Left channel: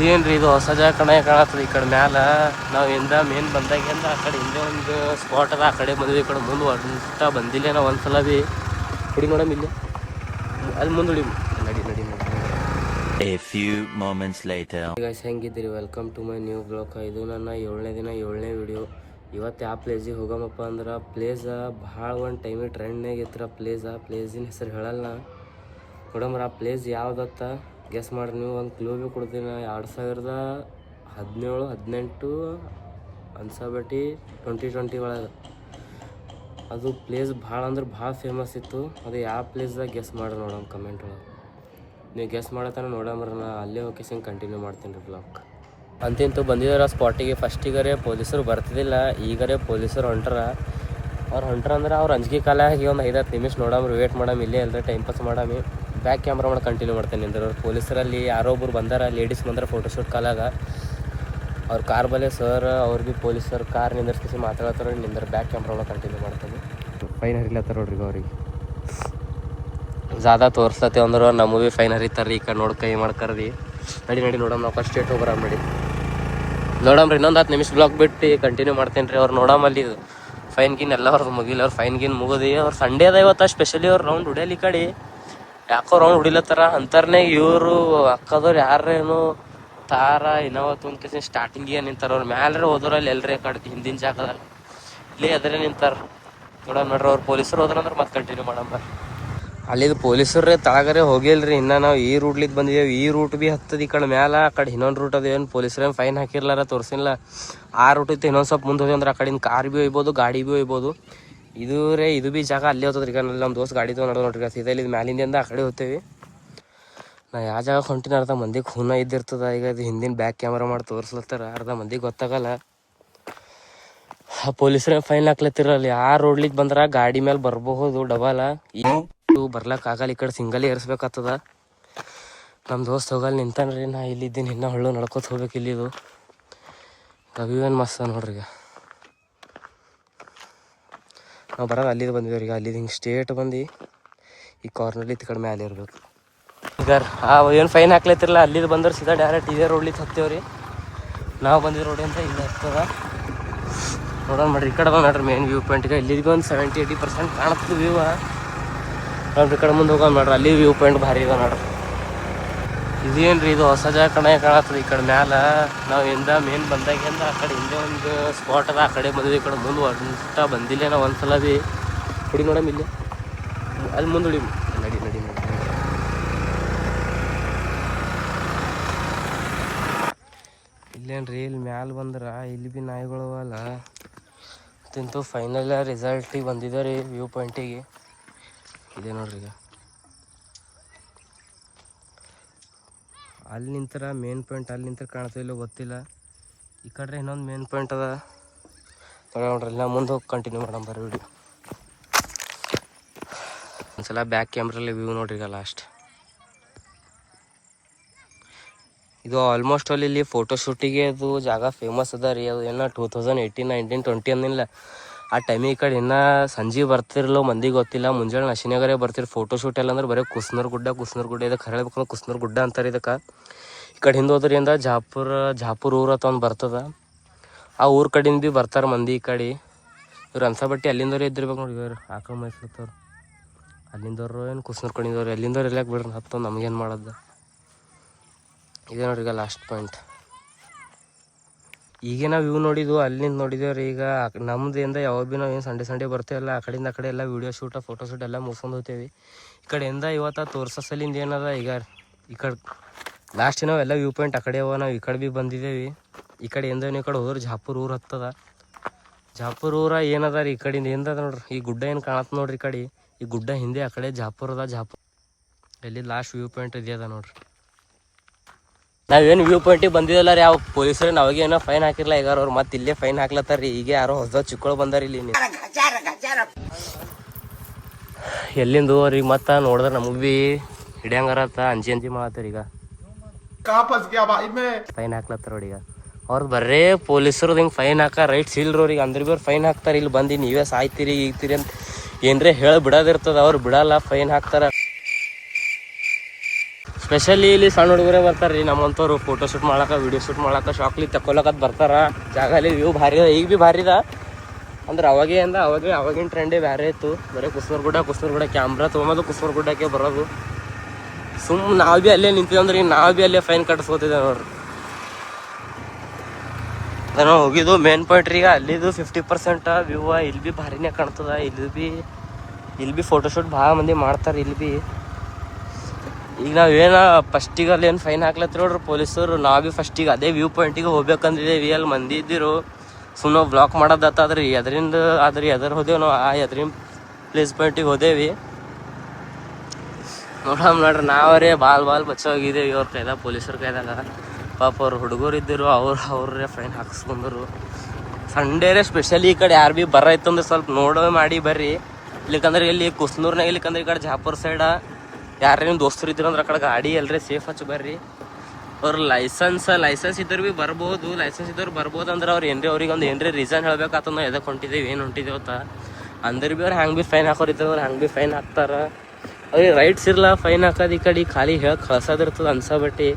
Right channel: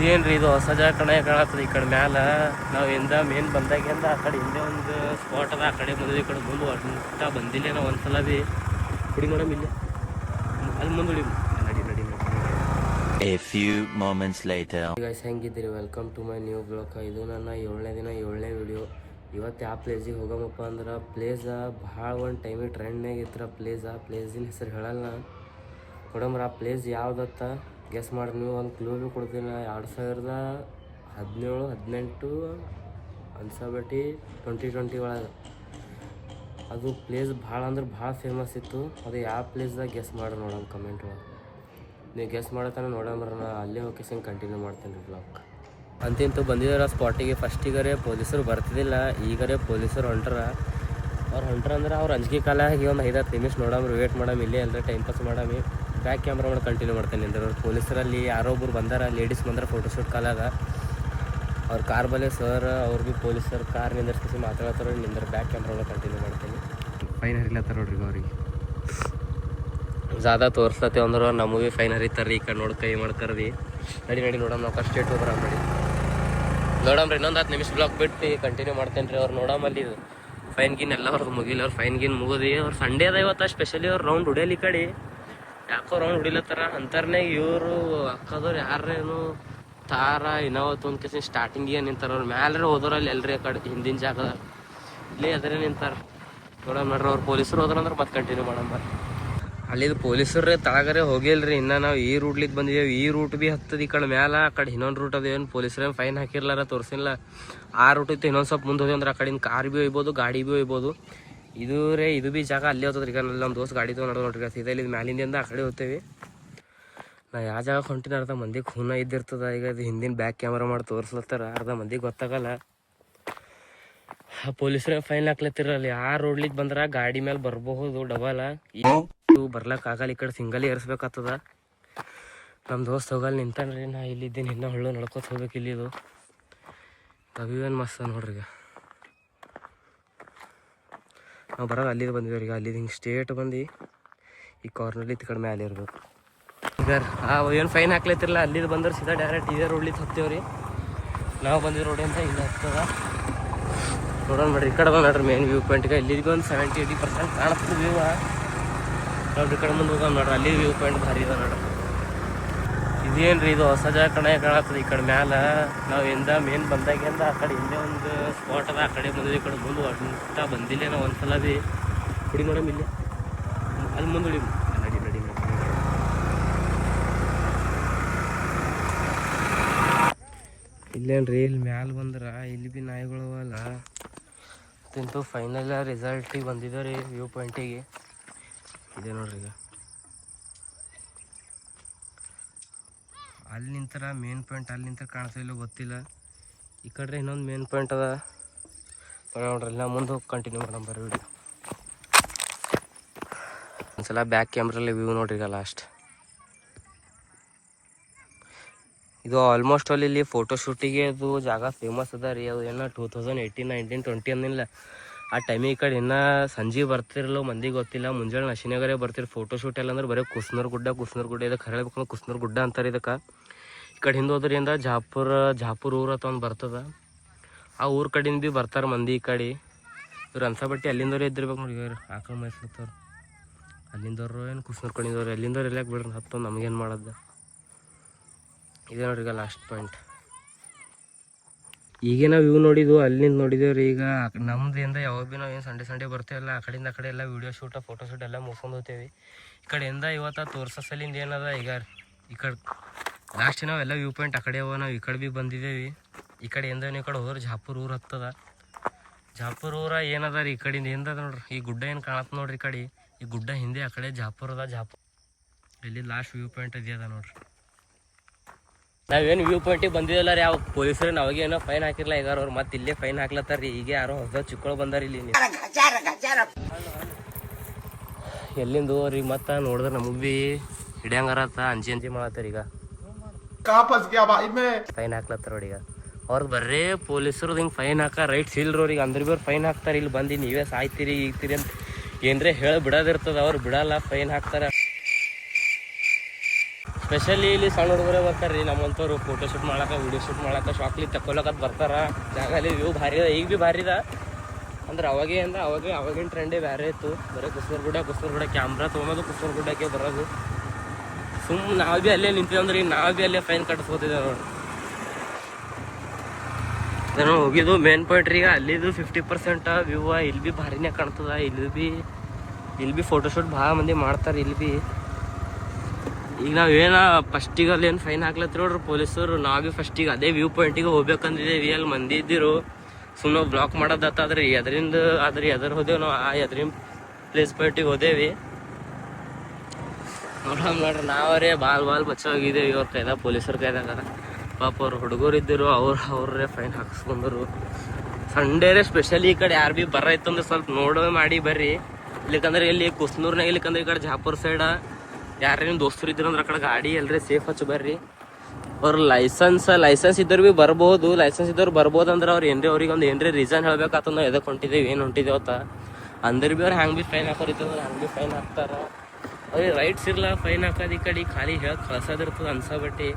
ಇದೇನ್ರಿ ಇದು ಹೊಸ ಜಾಗ ಕಾಣತ್ತದ. ಈ ಕಡೆ ಮ್ಯಾಲ ನಾವು ಇಂದ ಮೇನ್ ಬಂದಾಗಿಂದ ಆ ಕಡೆ ಹಿಂದೆ ಒಂದು ಸ್ಪಾಟ್ ಅದ, ಆ ಕಡೆ ಬಂದ್ವಿ. ಈ ಕಡೆ ಮುಂದೆ ಹೊಂಟ ಬಂದಿಲ್ಲ ನಾವು ಒಂದ್ಸಲ ಭೀ. ಹುಡಿ ನೋಡಮ್ ಇಲ್ಲಿ ಅಲ್ಲಿ ಮುಂದೆ ಹುಡಿ. ನಡಿ ನಡಿ ನಡಿ. A few moments later. Guys ಹೆಂಗಿದ್ದೀರಿ? Welcome to my new blog. ಇದು ನನ್ನ 7ನೇ ದಿನ 7ನೇ ವಿಡಿಯೋ. ಇವತ್ತು ಯಾವ ಪ್ಲೇಸಿಗೆ ಹೋಗಮಪ್ಪ ಅಂದ್ರೆ, ಪ್ಲೇಸ ಭಾಳ ಒಂದು ಟೈಮಿಗೆ ಟ್ರೆಂಡ್ನಾಗ ಇತ್ತು. ಪ್ಲೇಸಿನ ಹೆಸರು ಹೇಳಲ್ಲ ನೋಡಮ್ರ. ಆ ಪ್ಲೇಸ್ ಯಾವುದತ್ತ ಗೆಸ್ ಮಾಡ್ರಿ ನೀವು. ಒಂದು ಕ್ಲೂ ಭೀ ಕೊಡ್ತೀನಿ. 2017 18 ಅನ್ಸಬಟ್ಟಿ 2020 ಒಳಗೆ ಅದು ಪ್ಲೇಸ್ ಭಾಳ ಅಂದ್ರೆ ಭಾಳ ಫೇಮಸ್ ಇತ್ತು. ಅದು ಯಾವ ಪ್ಲೇಸ್ದಾಗ ಗೆಸ್ ಮಾಡ್ರಿ ನೋಡಮ್ ಕಮೆಂಟ್ ಒಳಗೆ. ನೀವು ಗೆಸ್ ಮಾಡತ್ತಾನೆ ನೋಡಮ್ರ. ನಾ ಅಲ್ಲೇ ಲೊಕೇಶನ್ ಕಂಟಿನ್ಯೂ ಮಾಡ್ತೀನಿ ರೀ ಬ್ಲಾಗ್. ಅಂತಿಂತೂ ಬಂದಿದ್ದಾರೆ ಸ್ಪಾಟಿಗೆ. ಫಸ್ಟಿಗರೆ ಪೊಲೀಸರು ಬರ್ತಿದ್ದಿಲ್ಲ, ಈಗರೆ ಪೊಲೀಸರು ಹೊಂಟ್ರ. ಅವ್ರು ಹೊಂಟ್ರ ಅಂದ್ರೆ ಅವ್ರು ಅಂಜಿಕೆ ಕಾಲ ಆಗಿ ಒಂದು 5-10 ನಿಮಿಷ ನೋಡಮ್ರಿ, ವೇಟ್ ಮಾಡಮ್ ಇಲ್ಲೇ ಎಲ್ಲರೂ ಟೈಮ್ ಪಾಸ್ ಮಾಡಮಿ. ಬ್ಯಾಕ್ ಕ್ಯಾಮ್ರಾ ಮಾಡಿ ಕಂಟಿನ್ಯೂ ಮಾಡ್ತೇನೆ ನಿಂದ್ರೆ. ಅವ್ರು ಪೊಲೀಸರಲ್ಲಿ ಯಾರೋ ಒಬ್ರು ಬಂದಾರ, ಲೇಡೀಸ್ ಬಂದ್ರೆ ಫೋಟೋಶೂಟ್ ಕಾಲಾಗ. ಅವ್ರ ಕಾರ್ ಬಲೆ ಸರ್ ಅವ್ರು ಭೀ ಪೊಲೀಸರು ಕಾರ್ ನಿಂದರ್ಸಿ ಮಾತಾಡತ್ತಾರ. ನಿಂದ್ರೆ ಬ್ಯಾಕ್ ಕ್ಯಾಮ್ರಾ ಒಳಗೆ ಕಂಟಿನ್ಯೂ ಮಾಡ್ತೇನೆ. ಫೈನ್ ಹರಿಲತ್ತಾರ ನೋಡ್ರಿ ಅವ್ರಿಗೆ. ज़्यादा ತೋರಿಸ್ತತೆ ಅಂದ್ರೆ ನಮಗೂ ಭೀ ಫೈನ್ ಹರಿತಾರೆ. ಈ ಕಡೆ ನೋಡಿ ಕೈ ಮಾಡ್ಕರ್ರಿ. ನಡಿ ನಡಿ ನೋಡಮ್. ನಾವು ಫಸ್ಟ್ ಸ್ಟೇಟ್ ಹೋಗ್ಬರ ನೋಡಿ ನೋಡಮ್ರಿ. ಇನ್ನೊಂದು 10 ನಿಮಿಷ ಬ್ಲಾಕ್ ಬಿಟ್ಟು ಕಂಟಿನ್ಯೂ ಮಾಡ್ತೀನಿ ರೀ. ಅವ್ರು ನೋಡಮಲ್ಲಿ ಫೈನ್ ಗಿನ್ ಎಲ್ಲ ಅವ್ರದ್ದು ಮುಗಿಲ್ಲ. ಅವ್ರು ಫೈನ್ ಗಿನ್ ಮುಗೋದಿ. ಅವ್ರು ಸಂಡೇ ಅದ ಇವತ್ತು. ಸ್ಪೆಷಲಿ ಅವ್ರು ರೌಂಡ್ ಹೊಡಿಯಲಿ. ಈ ಕಡೆ ಯಾಕೋ ರೌಂಡ್ ಹೊಡಿಲತ್ತಾರ ಅಂತಾರನೇ. ಇವರು ಅಕ್ಕದವ್ರು ಯಾರೇನು ತಾರ ಇನ್ನವತ್ತು ಒಂದು ಕೇಸಿನ ಸ್ಟಾರ್ಟಿಂಗಿಗೆ ನಿಂತಾರ. ಅವ್ರು ಮ್ಯಾಲ್ರೆ ಹೋದ್ರಲ್ಲಿ ಎಲ್ರಿ ಆ ಕಡೆ ಹಿಂದಿನ ಜಾಗದಾಗ ಇಲ್ಲಿ ಅದರೇ ನಿಂತಾರ. ನೋಡಮ್ ನೋಡ್ರಿ. ಅವ್ರು ಪೊಲೀಸರು ಹೋದ್ರಂದ್ರೆ ಮತ್ತೆ ಕಂಟಿನ್ಯೂ ಮಾಡಮ್ಮ. ಅಲ್ಲಿದು ಪೊಲೀಸರೇ ತಳಗರೆ ಹೋಗಿಲ್ರಿ. ಇನ್ನು ನಾವು ಈ ರೂಟ್ಲಿದ್ದು ಬಂದಿದ್ದೇವೆ. ಈ ರೂಟ್ ಭೀ ಹತ್ತದ. ಈ ಕಡೆ ಮ್ಯಾಲ ಆ ಕಡೆ ಇನ್ನೊಂದು ರೂಟ್ ಅದೇನು ಪೊಲೀಸರೇನು ಫೈನ್ ಹಾಕಿರ್ಲಾರ ತೋರಿಸಿಲ್ಲ. ಆ ರೂಟ್ ಇತ್ತು. ಇನ್ನೊಂದು ಸ್ವಲ್ಪ ಮುಂದೆ ಹೋಗಿ ಅಂದ್ರೆ ಆ ಕಡೆಯಿಂದ ಕಾರ್ ಭೀ ಒಯ್ಬೋದು, ಗಾಡಿ ಭೀ ಒಯ್ಬೋದು. ಇದು ಭೀ ಜಾಗ ಅಲ್ಲೇ ಹೋಗ್ತದ್ರಿ. ಈಗ ನಮ್ಮ ದೋಸ್ತ್ ಗಾಡಿ ತೊಗೊಂಡು ನೋಡ್ರಿ. ಸೀದಾ ಇಲ್ಲಿ ಮ್ಯಾಲಿಂದ ಆ ಕಡೆ ಹೋಗ್ತೇವೆ. ನಾ ಯಾವ ಜಾಗ ಹೊಂಟಿನ ಅರ್ಧ ಮಂದಿಗೆ ಖೂನ ಇದ್ದಿರ್ತದ. ಈಗ ಅದು ಹಿಂದಿನ ಬ್ಯಾಕ್ ಕ್ಯಾಮ್ರಾ ಮಾಡಿ ತೋರಿಸ್ಲತ್ತಾರ. ಅರ್ಧ ಮಂದಿಗೆ ಗೊತ್ತಾಗಲ್ಲ. ಆ ಪೊಲೀಸರೇ ಫೈನ್ ಹಾಕ್ಲತ್ತಿರಲ್ಲಿ. ಆ ರೋಡ್ಲಿಗೆ ಬಂದ್ರೆ ಗಾಡಿ ಮೇಲೆ ಬರಬಹುದು ಡಬಲ್. ಬರ್ಲಕ್ಕೆ ಆಗಲ್ಲ. ಈ ಕಡೆ ಸಿಂಗಲ್ ಏರಿಸ್ಬೇಕಾಗ್ತದ. ನಮ್ಮ ದೋಸ್ತ್ ಹೋಗಲ್ಲ ನಿಂತಾನ್ರಿ. ನಾ ಇಲ್ಲಿದ್ದೀನಿ. ಇನ್ನೂ ಹಳ್ಳು ನಡ್ಕೋತ ಹೋಗ್ಬೇಕು. ಇಲ್ಲಿದು ಅವಿವೇನು ಮಸ್ತ್ ನೋಡ್ರಿ. ಈಗ ನಾವು ಬರೋದು ಅಲ್ಲಿದ್ದು ಬಂದಿದ್ದೇವೆ. ಈಗ ಅಲ್ಲಿದ್ದು ಹಿಂಗೆ ಸ್ಟೇಟ್ ಬಂದು ಈ ಕಾರ್ನಲ್ಲಿ ಈ ಕಡೆ ಮ್ಯಾಲೆ ಇರಬೇಕು. ಈಗ ಏನು ಫೈನ್ ಹಾಕ್ಲತ್ತಿರಲ್ಲ. ಅಲ್ಲಿದ್ದು ಬಂದ್ರೆ ಸೀದಾ ಡೈರೆಕ್ಟ್ ಇದೇ ರೋಡ್ಲಿಗೆ ಹತ್ತೇವ್ರಿ. ನಾವು ಬಂದಿರೋ ರೋಡ್ ಅಂತ ಇಲ್ಲ ಹತ್ತದ. ನೋಡೋಣ ಮಾಡ್ರಿ. ಈ ಕಡೆ ಬಂದು ನೋಡ್ರಿ ಮೇನ್ ವ್ಯೂ ಪಾಯಿಂಟ್ಗೆ. ಇಲ್ಲಿಗೆ ಒಂದು 70-80% ಕಾಣುತ್ತೆ ವ್ಯೂ. ನೋಡ್ರಿ ಈ ಕಡೆ ಮುಂದೆ ಹೋಗೋಣ ನೋಡ್ರಿ. ಅಲ್ಲಿ ವ್ಯೂ ಪಾಯಿಂಟ್ ಭಾರಿ ಇದೆ ನೋಡ್ರಿ. ಇದೇನ್ರಿ ಇದು ಹೊಸ ಜಾಗ ಕಾಣತ್ತದ. ಈ ಕಡೆ ಮ್ಯಾಲ ನಾವು ಇಂದ ಮೇನ್ ಬಂದಾಗಿಂದ ಆ ಕಡೆ ಹಿಂದೆ ಒಂದು ಸ್ಪಾಟ್ ಅದ, ಆ ಕಡೆ ಬಂದ್ವಿ. ಈ ಕಡೆ ಮುಂದೆ ಹೊಂಟ ಬಂದಿಲ್ಲ ನಾವು ಒಂದ್ಸಲ ಭೀ. ಹುಡಿ ನೋಡಮ್ ಇಲ್ಲಿ ಅಲ್ಲಿ ಮುಂದೆ ಹುಡಿ. ನಡಿ ನಡಿ ನಡಿ. ಇಲ್ಲೇನ್ರಿ ಇಲ್ಲಿ ಮ್ಯಾಲ ಬಂದ್ರೆ ಇಲ್ಲಿ ಭೀ ನಾಯಿಗಳು ಅಲ್ಲ. ತಿಂತು ಫೈನಲ್ ರಿಸಲ್ಟಿಗೆ ಬಂದಿದೆ ರೀ ವ್ಯೂ ಪಾಯಿಂಟಿಗೆ. ಇದೆ ನೋಡ್ರಿ. ಈಗ ಅಲ್ಲಿ ನಿಂತರ ಮೇನ್ ಪಾಯಿಂಟ್ ಅಲ್ಲಿ ನಿಂತರ ಕಾಣ್ತಿಲ್ಲ ಗೊತ್ತಿಲ್ಲ. ಈ ಕಡೆ ಇನ್ನೊಂದು ಮೇನ್ ಪಾಯಿಂಟ್ ಅದ ನೋಡ್ರಿ. ನಾ ಮುಂದೆ ಹೋಗಿ ಕಂಟಿನ್ಯೂ ಮಾಡೋಣ ಬರ್ರಿ ವಿಡಿಯೋ. ಒಂದ್ಸಲ ಬ್ಯಾಕ್ ಕ್ಯಾಮ್ರಲ್ಲಿ ವ್ಯೂ ನೋಡ್ರಿ. ಈಗ ಲಾಸ್ಟ್ ಇದು ಆಲ್ಮೋಸ್ಟ್ ಅಲ್ಲಿ ಇಲ್ಲಿ ಫೋಟೋಶೂಟಿಗೆ ಅದು ಜಾಗ ಫೇಮಸ್ ಅದ ರೀ. ಅದು ಏನೋ 2018, 19, 20 ಅಂದಿಲ್ಲ ಆ ಟೈಮಿಗೆ. ಈ ಕಡೆ ಇನ್ನೂ ಸಂಜೆ ಬರ್ತಿರಲ್ಲ ಮಂದಿಗೆ ಗೊತ್ತಿಲ್ಲ. ಮುಂಜಾನೆ ನಶಿನಾಗರೇ ಬರ್ತಿರು ಫೋಟೋಶೂಟ್ ಎಲ್ಲ ಅಂದ್ರೆ ಬರೀ ಕುಸ್ನೂರು ಗುಡ್ಡ ಇದಕ್ಕೆ ಹೇಳಬೇಕು. ಕುಸ್ನೂರು ಗುಡ್ಡ ಅಂತಾರೆ ಇದಕ್ಕೆ. ಈ ಕಡೆ ಹಿಂದೆ ಹೋದ್ರಿಂದ ಜಾಪುರ್ ಊರು ಅಂತ ಒಂದು ಬರ್ತದ. ಆ ಊರ ಕಡೆಯಿಂದ ಭೀ ಬರ್ತಾರೆ ಮಂದಿ ಈ ಕಡೆ. ಇವ್ರು ಅನ್ಸಬಟ್ಟಿ ಅಲ್ಲಿಂದವ್ರು ಇದ್ದಿರ್ಬೇಕು ನೋಡಿ. ಇವ್ರು ಆಕಳ ಮೈಸ್ಲತ್ತವ್ರು ಅಲ್ಲಿಂದವ್ರು ಏನು ಕುಸ್ನೂರು ಕಡೆಯಿಂದವ್ರು ಎಲ್ಲಿಂದವ್ರು ಎಲ್ಲಾಕೆ ಬಿಡ್ರಿ ಹತ್ತು ನಮಗೇನು ಮಾಡೋದು. ಇದೇ ನೋಡ್ರಿ ಈಗ ಲಾಸ್ಟ್ ಪಾಯಿಂಟ್. ಈಗ ನಾವು ವ್ಯೂ ನೋಡಿದ್ವು ಅಲ್ಲಿಂದ ನೋಡಿದೇವೆ ರೀ. ಈಗ ನಮ್ದಿಂದ ಯಾವಾಗ ಭೀ ನಾವು ಏನು ಸಂಡೇ ಬರ್ತೇವಲ್ಲ ಆ ಕಡೆಯಿಂದ ಆ ಕಡೆ ಎಲ್ಲ ವೀಡಿಯೋ ಶೂಟ ಫೋಟೋಶೂಟ್ ಎಲ್ಲ ಮುಗಿಸ್ಕೊಂಡು ಹೋಗ್ತೇವೆ. ಈ ಕಡೆಯಿಂದ ಇವತ್ತು ತೋರ್ಸೋ ಸಲಿಂದ ಏನದ. ಈಗ ಈ ಕಡೆ ಲಾಸ್ಟ್ ನಾವು ಎಲ್ಲ ವ್ಯೂ ಪಾಯಿಂಟ್ ಆ ಕಡೆ ಅವ. ನಾವು ಈ ಕಡೆ ಭೀ ಬಂದಿದ್ದೇವೆ. ಈ ಕಡೆಯಿಂದ ಈ ಕಡೆ ಹೋದ್ರೆ ಜಾಪುರ್ ಊರು ಹತ್ತದ. ಜಾಪುರ್ ಊರ ಏನದ ರೀ. ಈ ಕಡೆಯಿಂದ ಏನದ ನೋಡ್ರಿ. ಈ ಗುಡ್ಡ ಏನು ಕಾಣತ್ತೆ ನೋಡ್ರಿ. ಈ ಕಡೆ ಈ ಗುಡ್ಡ ಹಿಂದೆ ಆ ಕಡೆ ಜಾಪುರ್ ಅದ. ಜಾಪುರ್ ಎಲ್ಲಿ ಲಾಸ್ಟ್ ವ್ಯೂ ಪಾಯಿಂಟ್ ಇದೆಯದ ನೋಡ್ರಿ. ನಾವೇನು ವ್ಯೂ ಪಾಯಿಂಟಿಗೆ ಬಂದಿದ್ದಲ್ಲ ರೀ. ಯಾವ ಪೊಲೀಸರು ನಾವಾಗೆ ಏನೋ ಫೈನ್ ಹಾಕಿರ್ಲ. ಈಗ ಅವ್ರು ಮತ್ತೆ ಇಲ್ಲೇ ಫೈನ್ ಹಾಕ್ಲತ್ತಾರ ರೀ. ಈಗ ಯಾರೋ ಹೊಸ ಚಿಕ್ಕಳು ಬಂದಾರ ಇಲ್ಲಿ. ಎಲ್ಲಿಂದ ಅವ್ರಿಗೆ ಮತ್ತೆ ನೋಡಿದ್ರೆ ನಮಗೆ ಭೀ ಹಿಡಿಯಂಗಾರತ್ತ ಅಂಜಿ ಮಾಡತ್ತಾರ. ಈಗ ಫೈನ್ ಹಾಕ್ಲತ್ತಾರ ನೋಡಿ. ಈಗ ಅವ್ರದ್ದು ಬರ್ರೇ ಪೊಲೀಸರು ಹಿಂಗೆ ಫೈನ್ ಹಾಕ ರೈಟ್ಸ್ ಇಲ್ರಿ ಅವ್ರಿಗೆ. ಅಂದ್ರೆ ಭೀ ಅವ್ರು ಫೈನ್ ಹಾಕ್ತಾರೆ. ಇಲ್ಲಿ ಬಂದು ನೀವೇ ಸಾಯ್ತೀರಿ ಈಗ್ತೀರಿ ಅಂತ ಏನ್ರೇ ಹೇಳಿ ಬಿಡೋದಿರ್ತದ. ಅವ್ರು ಬಿಡಲ್ಲ, ಫೈನ್ ಹಾಕ್ತಾರ. ಸ್ಪೆಷಲಿ ಇಲ್ಲಿ ಸಣ್ಣ ಹುಡುಗರೇ ಬರ್ತಾರೆ ರೀ ನಮ್ಮಂಥವ್ರು ಫೋಟೋ ಶೂಟ್ ಮಾಡಕ್ಕೆ ವಿಡಿಯೋ ಶೂಟ್ ಮಾಡಕ್ಕೆ ಶಾಕ್ಲಿ ತಗೊಳಕತ್ ಬರ್ತಾರೆ. ಜಾಗ ಅಲ್ಲಿ ವ್ಯೂ ಭಾರಿ ಇದೆ, ಈಗ ಭೀ ಭಾರಿ ಇದೆ ಅಂದ್ರೆ ಅವಾಗಿನ ಟ್ರೆಂಡೇ ಬೇರೆ ಇತ್ತು. ಬರೀ ಕುಸ್ಮರ್ಗುಡ್ಡ ಕ್ಯಾಮ್ರಾ ತೊಗೊಂಬೋದು ಕುಸ್ಮರ್ಗುಡ್ಡಕ್ಕೆ ಬರೋದು. ನಾವು ಭೀ ಅಲ್ಲೇ ನಿಂತಿದ್ವಿ ಅಂದ್ರೆ ನಾವು ಭೀ ಅಲ್ಲೇ ಫೈನ್ ಕಟ್ಟಿಸ್ಕೋತಿದ್ದೆ ನೋಡ್ರಿ. ನಾವು ಹೋಗಿದ್ದು ಮೇನ್ ಪಾಯಿಂಟ್ ರೀ, ಅಲ್ಲಿದು 50% ವ್ಯೂ. ಇಲ್ಲಿ ಭೀ ಭಾರಿನೇ ಕಾಣ್ತದ. ಇಲ್ಲಿ ಭೀ ಫೋಟೋಶೂಟ್ ಭಾಳ ಮಂದಿ ಮಾಡ್ತಾರೆ. ಇಲ್ಲಿ ಭೀ ಈಗ ನಾವೇನ ಫಸ್ಟಿಗೆ ಅಲ್ಲಿ ಏನು ಫೈನ್ ಹಾಕ್ಲತ್ತೀವಿ ನೋಡ್ರಿ ಪೊಲೀಸರು. ನಾವು ಭೀ ಫಸ್ಟಿಗೆ ಅದೇ ವ್ಯೂ ಪಾಯಿಂಟಿಗೆ ಹೋಗ್ಬೇಕಂದಿದ್ದೀವಿ. ಅಲ್ಲಿ ಮಂದಿ ಇದ್ದಿರು ಸುಮ್ಮನೆ ಬ್ಲಾಕ್ ಮಾಡೋದತ್ತಾದ್ರಿ ಅದರಿಂದ ಎದ್ರ ಹೋದೆವು ನಾವು. ಆ ಎದ್ರಿನ ಪ್ಲೇಸ್ ಪಾಯಿಂಟಿಗೆ ಹೋದೇವಿ. ನೋಡ್ರಿ ನಾವರೇ ಬಾಲ್ ಮಚ್ಚ ಹೋಗಿದ್ದೇವೆ ಇವ್ರ ಕೈದಾಗ, ಪೊಲೀಸರ ಕೈದಾಗ. ಪಾಪ ಅವ್ರು ಹುಡುಗರು ಇದ್ದರು, ಅವ್ರೇ ಫೈನ್ ಹಾಕಿಸ್ಕೊಂಡ್ರು. ಸಂಡೇರೇ ಸ್ಪೆಷಲಿ ಈ ಕಡೆ ಯಾರು ಭೀ ಬರೈತಂದ್ರೆ ಸ್ವಲ್ಪ ನೋಡೋ ಮಾಡಿ ಬರ್ರಿ. ಇಲ್ಲಿಕಂದ್ರೆ ಇಲ್ಲಿ ಕುಸ್ನೂರ್ನಾಗ, ಇಲ್ಲಿಕಂದ್ರೆ ಈ ಕಡೆ ಜಾಪುರ್ ಸೈಡ ಯಾರೇನು ದೋಸ್ತರು ಇದ್ರಂದ್ರೆ ಆ ಕಡೆ ಗಾಡಿ ಎಲ್ಲರೇ ಸೇಫ್ ಹಚ್ಚಿ ಬರ್ರಿ. ಅವ್ರ ಲೈಸೆನ್ಸ್ ಇದ್ದರು ಭೀ ಬರ್ಬೋದು. ಲೈಸೆನ್ಸ್ ಇದ್ದವ್ರು ಬರ್ಬೋದು ಅಂದ್ರೆ ಅವ್ರು ಅವ್ರಿಗೆ ಒಂದು ಏನ್ರಿ ರೀಸನ್ ಹೇಳ್ಬೇಕಾತ ನಾವು ಎದಕ್ಕೆ ಹೊಂಟಿದ್ದೇವೆ, ಏನು ಹೊಂಟಿದ್ದೇವೆ ಅಂತ. ಅಂದ್ರೆ ಭೀ ಅವ್ರು ಹ್ಯಾಂಗೆ ಭೀ ಫೈನ್ ಹಾಕೋರಿದ್ದಾರೆ, ಅವ್ರು ಹ್ಯಾಂಗೆ ಭೀ ಫೈನ್ ಹಾಕ್ತಾರೆ. ಅವ್ರಿಗೆ ರೈಟ್ಸ್ ಇರಲ್ಲ ಫೈನ್ ಹಾಕೋದು. ಈ ಕಡೆ ಖಾಲಿ ಹೇಳಕ್ಕೆ ಕಳ್ಸೋದಿರ್ತದೆ ಅನ್ಸಬಟ್ಟಿ.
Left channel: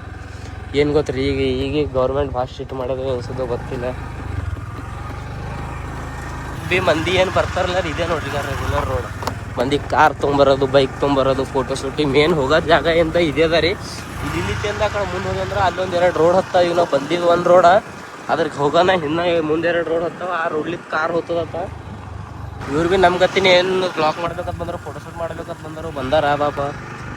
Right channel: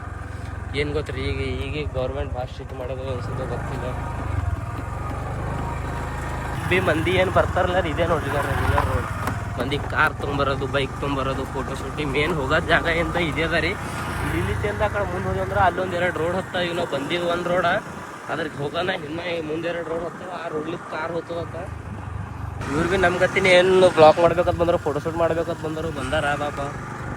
ಏನು ಗೊತ್ತ್ರಿ ಈಗ ಗೌರ್ಮೆಂಟ್ ಭಾಳ ಸ್ಟ್ರಿಕ್ಟ್ ಮಾಡೋದು ಅನ್ಸೋದು ಗೊತ್ತಿಲ್ಲ. ಭೀ ಮಂದಿ ಏನು ಬರ್ತಾರಲ್ಲ ಇದೇ ನೋಡ್ರಿ ರೆಗ್ಯುಲರ್ ರೋಡ್. ಮಂದಿ ಕಾರ್ ತೊಗೊಂಬರೋದು, ಬೈಕ್ ತೊಗೊಂಬರೋದು, ಫೋಟೋ ಶೂಟಿಂಗ್ ಮೇನ್ ಹೋಗೋದು ಜಾಗ ಎಂತ ಇದೆ ಅದ ರೀ. ಇಲ್ಲಿಂದ ಆ ಕಡೆ ಮುಂದೆ ಹೋದಂದ್ರೆ ಅಲ್ಲೊಂದು 2 ರೋಡ್ ಹತ್ತಾವ. ಈಗ ನಾವು ಬಂದಿದ್ದು 1 ರೋಡ, ಅದ್ರಿಗೆ ಹೋಗೋಣ ಇನ್ನು ಮುಂದೆ 2 ರೋಡ್ ಹತ್ತಾವ. ಆ ರೋಡ್ಲಿಕ್ಕೆ ಕಾರ್ ಹೋಗ್ತದತ್ತ. ಇವ್ರು ಭೀ ನಮ್ಮ ಗತಿನ ಏನು ಬ್ಲಾಕ್ ಮಾಡ್ಬೇಕಂತ ಬಂದರು, ಫೋಟೋ ಶೂಟ್ ಮಾಡ್ಬೇಕಂತ ಬಂದಾರ ಬಾಪ.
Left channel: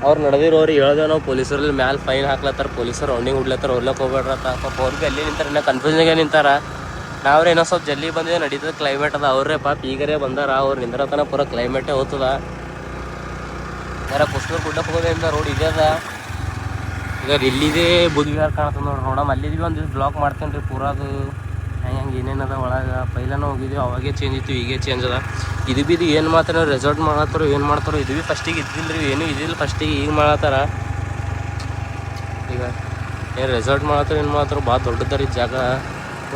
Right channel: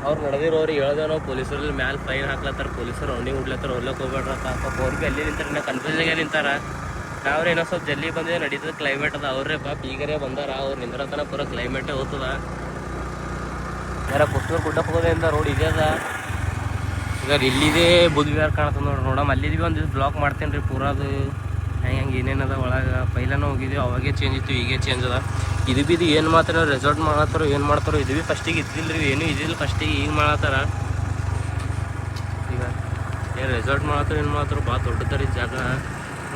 ಅವ್ರು ನಡೆದಿರೋರು ಹೇಳ್ದೇವೆ ನಾವು ಪೊಲೀಸರಲ್ಲಿ ಮ್ಯಾಲೆ ಫೈನ್ ಹಾಕ್ಲತ್ತಾರ, ಪೊಲೀಸರು ರೌಂಡಿಂಗ್ ಹುಡ್ಲತ್ತಾರ, ಹೊರ್ಲಕ್ಕೆ ಹೋಗ್ಬೇಡ್ರತ್ತ. ಪಾಪ ಅವ್ರು ಭೀ ಅಲ್ಲಿ ನಿಂತಾರೆ, ಇನ್ನು ಕನ್ಫ್ಯೂಷನ್ಗೆ ನಿಂತಾರ. ನಾವ್ರೆ ಏನೋ ಸ್ವಲ್ಪ ಜಲ್ದಿ ಬಂದಿದೆ ನಡೀತದೆ ಕ್ಲೈಮೇಟ್ ಅದ. ಅವ್ರೇ ಪಾಪ ಈಗರೇ ಬಂದಾರ, ಅವ್ರು ನಿಂದ್ರತನ ಪೂರ ಕ್ಲೈಮೇಟೇ ಹೋಗ್ತದ. ಯಾರ ಕುಸ್ನೂರು ಗುಡ್ಡಕ್ಕೆ ಹೋಗೋದ್ರಿಂದ ರೋಡ್ ಇದೆ ಅದ. ಈಗ ಇಲ್ಲಿದೆ ಬುದ್ಧಿಗಾರ ಕಾಣ್ತದೆ ನೋಡಮ್. ಅಲ್ಲಿದ್ವಿ ಒಂದು ಬ್ಲಾಕ್ ಮಾಡ್ತೇನೆ ರೀ ಪೂರ. ಅದು ಹೆಂಗೆ ಏನೇನದ ಒಳಗೆ ಪೈಲನೂ ಹೋಗಿದ್ದೀವಿ, ಅವಾಗೇ ಚೇಂಜ್ ಇತ್ತು, ಈಗೇ ಚೇಂಜ್ ಅದ. ಇದು ಭೀ ಏನು ಮಾತ್ರ ರೆಸಾರ್ಟ್ ಮಾಡತ್ತಾರೋ ಏನು ಮಾಡ್ತಾರೋ. ಇದು ಭೀ ಫಸ್ಟಿಗೆ ಇದ್ದಿಲ್ಲ ರೀ, ಏನೂ ಇದಿಲ್ಲ ಫಸ್ಟಿಗೆ, ಈಗ ಮಾಡತ್ತಾರ. ಈಗ ಏನು ರೆಸಾರ್ಟ್ ಮಾಡತ್ತಾರ ಏನು ಮಾಡ್ತಾರೋ. ಭಾಳ ದೊಡ್ಡದಾರಿ ಜಾಗ.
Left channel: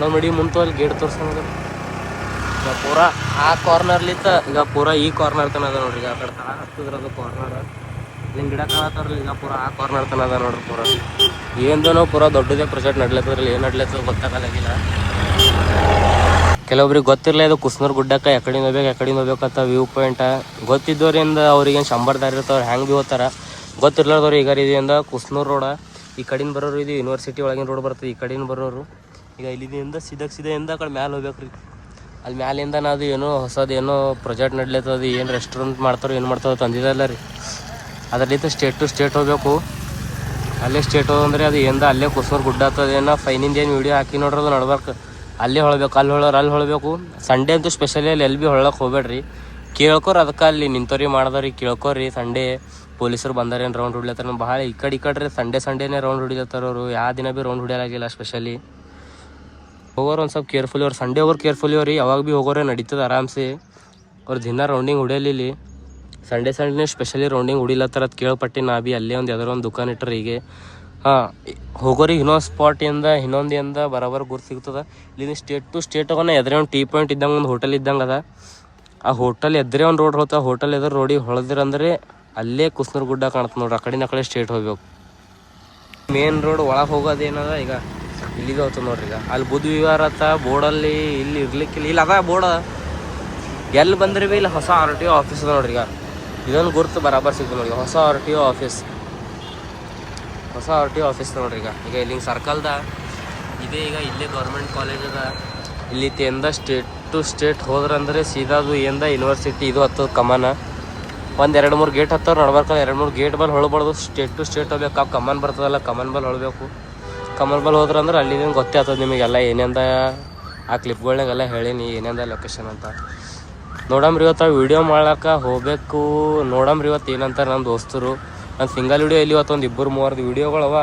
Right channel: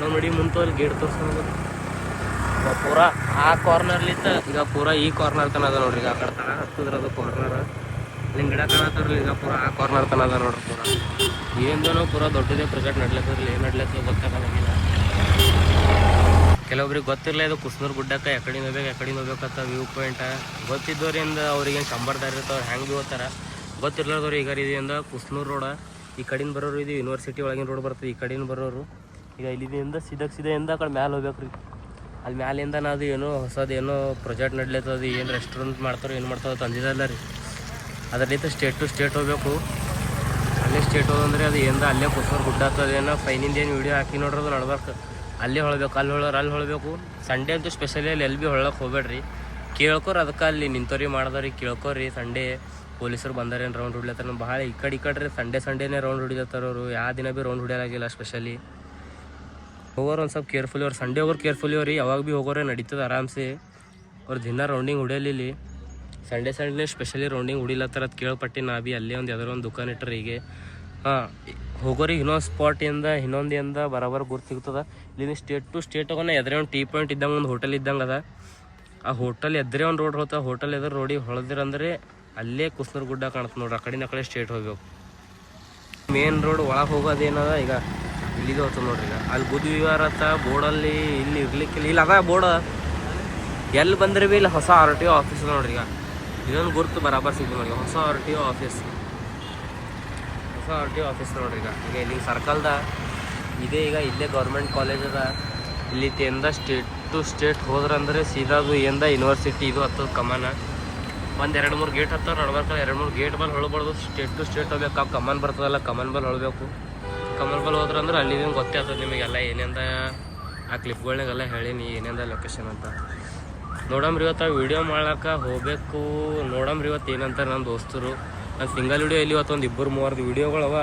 ನಾವು ನೋಡಿ ಮುಂತು ಅಲ್ಲಿ ಗೇಟ್ ತೋರ್ಸೋದು. ಈಗ ಪೂರ ಆ ಕಾರ್ನರ್ಲಿತ್ತ ಈಗ ಪೂರ ಈ ಕಾರ್ನರ್ ತನ ಅದ ನೋಡ್ರಿ. ಆ ಕಡೆ ತನ ಹತ್ತದ್ರದು ಕಾರ್ನರ್ ಇಲ್ಲಿ ಗಿಡ ಕಾಣತ್ತಾರಲ್ಲ. ಈಗ ಪೂರ ಆ ಕಾರ್ನರ್ ತನ ಅದ ನೋಡ್ರಿ. ಪೂರ ಏನೋ ನಾವು ಪೂರ ದೊಡ್ಡದೇ ಪ್ರಾಜೆಕ್ಟ್ ನಡ್ಲತ್ತದ್ರಲ್ಲಿ. ಏನು ನಡ್ಲತ್ತದ ಗೊತ್ತಾಗಲಾಗಿಲ್ಲ. ಕೆಲವೊಬ್ರಿಗೆ ಗೊತ್ತಿರಲ್ಲ ಇದು ಕುಸ್ನೂರು ಗುಡ್ಡಕ್ಕೆ ಎಕಡಿನ ಹೋಗ್ಬೇಕಂತ ವ್ಯೂ ಪಾಯಿಂಟ. ಗೊತ್ತಿದ್ದವರಿಂದ ಅವ್ರಿಗೇನು ಶಂಬರ್ದಾರಿ ಇರ್ತಾವ್ರು ಹ್ಯಾಂಗೆ ಭೀ ಹೋಗ್ತಾರೆ. ಗೊತ್ತಿರ್ಲಾರ್ದವ್ರು ಈಗ ಇದೆಯಿಂದ ಕುಸ್ನೂರು ರೋಡ ಈ ಕಡೆಯಿಂದ ಬರೋರು, ಇದು ಯೂನಿವರ್ಸಿಟಿ ಒಳಗಿನ ರೋಡ್ ಬರ್ತದೆ. ಈ ಕಡೆಯಿಂದ ಬರೋರು ಈಗ ಇಲ್ಲಿಂದ ಸೀದೆಯಿಂದ ಆ ಕಡೆ ಮ್ಯಾಲೆ ಹೋಗ್ಬೇಕು ರೀ. ಅಲ್ಲಿ ಮ್ಯಾಲಿಂದ ನಾವು ಏನೋ ಹೊಸದು ಏನೋ ಪ್ರಾಜೆಕ್ಟ್ ನಡ್ಲತ್ತದ. ಏನು ರೆಸ್ಟೋರೆಂಟ್ ಮಾಡ್ತಾರೋ ಏನು ಮಾಡ್ತಾರೋ ತಂದಿದ್ದಲ್ಲ ರೀ. ಅದರಲ್ಲಿಂದ ಸ್ಟೇಟ್ ಟು ಸ್ಟೇಟ್ ಹೋಗ್ಬೇಕು. ಅಲ್ಲೇ ಸ್ಟೇಟ್ ಹೋದಂದ್ರೆ ಅದು ಏನು ಅಲ್ಲೇ ಕುಸ್ನೂರು ಗುಡ್ಡ ಆಗ್ತದೇನೋ. ಫೈನಿಂದ ಏನು ವೀಡಿಯೋ ಹಾಕಿ ನೋಡ್ರಿ, ಅದು ನಡ್ಬೇಕು. ಅಲ್ಲೇ ಹೊಳ್ಬೇಕು, ಅಲ್ಲಿ ಹೊಳ್ಬೇಕು. ಸಂಡೇ ಅಂತೂ ಸ್ಪೆಷಲಿ ಅಲ್ಲಿ ಎಲ್ಲಿ ಭೀ ಹೊಳ್ಳಕ್ಕೆ ಹೋಗ್ಬೇಡ್ರಿ. ಕೇಳ್ಕೊರಿ, ಅದಕ್ಕೆ ಅಲ್ಲಿ ನಿಂತವ್ರಿ ಮಾಡಿದವ್ರಿ ಕೇಳ್ಕೊರಿ. ಸಂಡೇ ಪೊಲೀಸರು ಬಂದಾರೇನು ರೌಂಡ್ ಹೊಡಿಲತ್ತಾರ. ಭಾಳ ಈ ಕಡೆ ರೀ ಸಂಡೇನೇ ರೌಂಡ್ ಹೊಡಿಲತ್ತಾರ ಅವರು. ಯಾವ ದಿನ ಭೀ ರೌಂಡ್ ಹೊಡಿಯೋಲಾಗಿಲ್ಲ. ಸ್ಪೆಷಲಿ ಹೋಗೋರು ಒಂದು ಸ್ವಲ್ಪ ಕೇರ್ಫುಲಿ ಅವ್ರು. ಸಂಡೇ ಹೋಗೋರು ಕೇರ್ಫುಲಿ ಅವ್ರಿ. ಯಾವಾಗ ಭೀ ಹೋಗೋರೆ ನಡೀತದೆ ಆರಾಮ್ಸೆ. ಅವ್ರು ದಿನ ರೌಂಡಿಂಗ್ ಹೊಡಿಯಲಿಲ್ಲಿ. ಸಂಡೇ ಸ್ಪೆಷಲಿ ರೌಂಡಿಂಗ್ ಹೊಡಿಲತ್ತಾರ ಅದು ಕೇಳ್ಪಟ್ಟು. ನಾ ಭೀ ಅಲ್ಲೇ ಒಂದು ಯಾವ್ದಾರು ಒಂದು ದುಕಾನ್ ಇಟ್ಟರೆ ಹೀಗೆ ಹೋಗೋರಿಗೆ ಇನ್ನೊಂದು ಸ್ಪಾಟಿಂದ ಇನ್ನೊಂದಿಂದ ಬರೋಬರ್ ಗುರ್ತು ಸಿಗ್ತದೆ. ಇಲ್ಲಿಂದ ಸ್ಟೇಟ್ ಟು ಸ್ಟೇಟ್ ಹೋಗೋಣ. ಎದುರೇ ಒಂದು ಟೀ ಪಾಯಿಂಟ್ ಇದ್ದಂಗೆ ಒಂದು ಹೋಟೆಲ್ ಇದ್ದಂಗೆ ಅದ. ಆ ಹೋಟೆಲ್ ಎದುರೇ ಒಂದು ರೋಡ್ ಹೋಗ್ತದೆ. ಹೋಟೆಲ್ ಎದುರು ರೋಡಿಗೆ ಹೊಳೆದಿರಂದ್ರೆ ಅಲ್ಲೇ ಕುಸ್ನೂರು ಗುಡ್ಡ ಕಾಣ್ತದೆ ನೋಡ್ರಿ. ಆ ಕಡೆ ಸ್ಟೇಟ್ ಹೋಗ್ಬೇಕು. ಮೇನ್ ರೋಡ್ ಒಳಗೆ ಹೋಗೋದೇನದ ಈಗ ಇಲ್ಲಿಗೆ ಹೋಗ್ತದೆ ನೋಡ್ರಿ. ಈಗ ಅಲ್ಲಿ ಬುದ್ಧ ವಿಹಾರ ಅತ್ತ ಬೋರ್ಡಲ್ಲಿ ಇಲ್ಲಿ ಇರ್ಲಿಕ್ಕಿಲ್ಲ. ಇಲ್ಲಿ ಅದ ಬೋರ್ಡ್ ಎಲ್ಲಿ ಬಂದ್ರೆ ಭೀ ಇಲ್ಲಿ ಹೊಸ RTO ಆಫೀಸ್ ಅದ ನೋಡ್ರಿ. ಈಗ ಇದೊಂದು ಗುರ್ತು ಬರಾಬರ್ ಸಿಗ್ಬೋದು ನೋಡಿ. ಹೊಸ RTO ಆಫೀಸ್ ನೋಡ್ರಿ. ಈಗ ಇಲ್ಲಿ ಸರ್ಕಲ್ದ ಇದೆ. ಈಗ ಇಲ್ಲೇ ಗೌರ್ಮೆಂಟ್ ಕಾಲೇಜ್ ಅದ. ಇಲ್ಲಿ ಸ್ಟೇಟ್ ಟು ಸ್ಟೇಟ್ ಹೋದ್ರಂದ್ರೆ ಸೀದಾದು ಯೂನಿವರ್ಸಿಟಿ ಇದು ಹತ್ತದ ಕಮಾನ. 1-2-3 ಗೇಟ್ ಹತ್ತವ್ರು ನಡ್ಬರ್ಕಲ್ಲ. 2-3 ಗೇಟ್ ಬಲ್ಲಿ ಹೊಳ್ಬಾರ್ದು. ಸ್ಟೇಟ್ ಟು ಸ್ಟೇಟ್ ಹೋಗ್ಬೇಕು. ಆ ಕಮಾನ್ ಬರ್ತದಲ್ಲ, ಕಮಾನ್ ಬಲ್ಲಿ ಹೊಳ್ಬೇಕು. ಕಮಾನ್ ಬಲ್ಲಿ ಹೋದ್ರಂದ್ರೆ ಅಲ್ಲಿ ಗೊತ್ತೇ ಆಗ್ತದೆ ನಿಮಗೆಲ್ಲ ಏನೇಂದ. ಆ ಕ್ಲಿಪ್ಗಳ್ನಾಗೆಲ್ಲ ಹೇಳೀನಿ ಏನೇಂದ ಲೊಕೇಶನ್ ಅಂತ. ನೋಡಮ್ರಿ ಇವತ್ತು ವೀಡಿಯೋ ಮಾಡ್ಲಿಕ್ಕೆ ಹೋಗ್ಬೇಕು. ನೋಡಮ್ರಿ ಇವತ್ತು ಏನಂತಾರೆ ನನ್ನ ದೋಸ್ತರು. ನನ್ನ ಸಿಂಗಲ್ ವೀಡಿಯೋ ಇಲ್ಲಿ ಇವತ್ತು ಒಂದು 2-3 ವೀಡಿಯೋಗಳವ.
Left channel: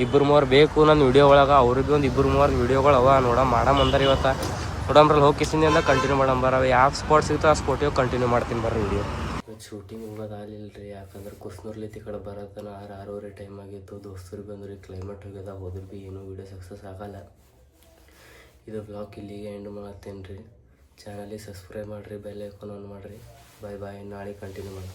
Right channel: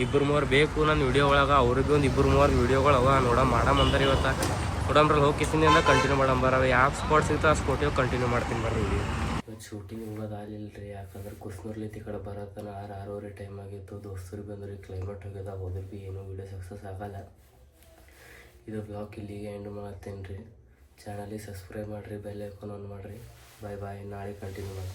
2-3 ಬೇಕು ನನ್ನ ವೀಡಿಯೋ ಒಳಗೆ. ಅವ್ರಿಗೆ ಒಂದು 2-3 ವೀಡಿಯೋಗಳವ. ಮಾಡಂಬಂದಾರ ಇವತ್ತು. ನೋಡಂಬ್ರಲ್ಲಿ ಹೋಗಿ ಕಿಸಿನಿಂದ ಕಂಟಿನ್ಯೂ ಮಾಡಂಬರ. ಯಾವ ಸ್ಪಾಟ್ ಸಿಗ್ತೋ ಆ ಸ್ಪಾಟಿಗೆ ಕಂಟಿನ್ಯೂ ಮಾಡ್ತೀನಿ ಬರ್ರಿ ವೀಡಿಯೋ. ಶೂಟಿಂಗ್ ಹೋಗೋದು ಆಗಲಿಲ್ಲ ರೀ. ಯಾಕಂದ್ರೆ ಕುಸ್ನೂರ್ಲಿತ್ತು ಈ ಕಡೆ ಬರೋತನ 6-6:30 ಟೈಮ್ ಆಗಿತ್ತು. ದೋಸ್ತರಿಗೆ ಬಂದ್ರಿ ಕ್ಲೈಮೇಟ್ ಹೋಗ್ಯದ. ಹೋದ್ರೆ ಭೀ ಏನೂ ವೀಡಿಯೋ ಸಕ್ಸಸ್ ಆಗಲ್ಲ. ಇದು ಬ್ಲಾಗ್ ಇಲ್ಲಿಗೆ ಎಂಡ್ ಮಾಡ್ತೇನೆ ರೀ. ಚಾನಲಿಗೆ ಸಬ್ಸ್ಕ್ರೈಬ್ ಮಾಡಿರಿ, ಬೆಲ್ ಐಕಾನ್ ಆನ್ ಮಾಡಿರಿ. ಬಾಯ್. ನಾಳೆ ಕಂಟಿನ್ಯೂ ಮಾಡೋಣ.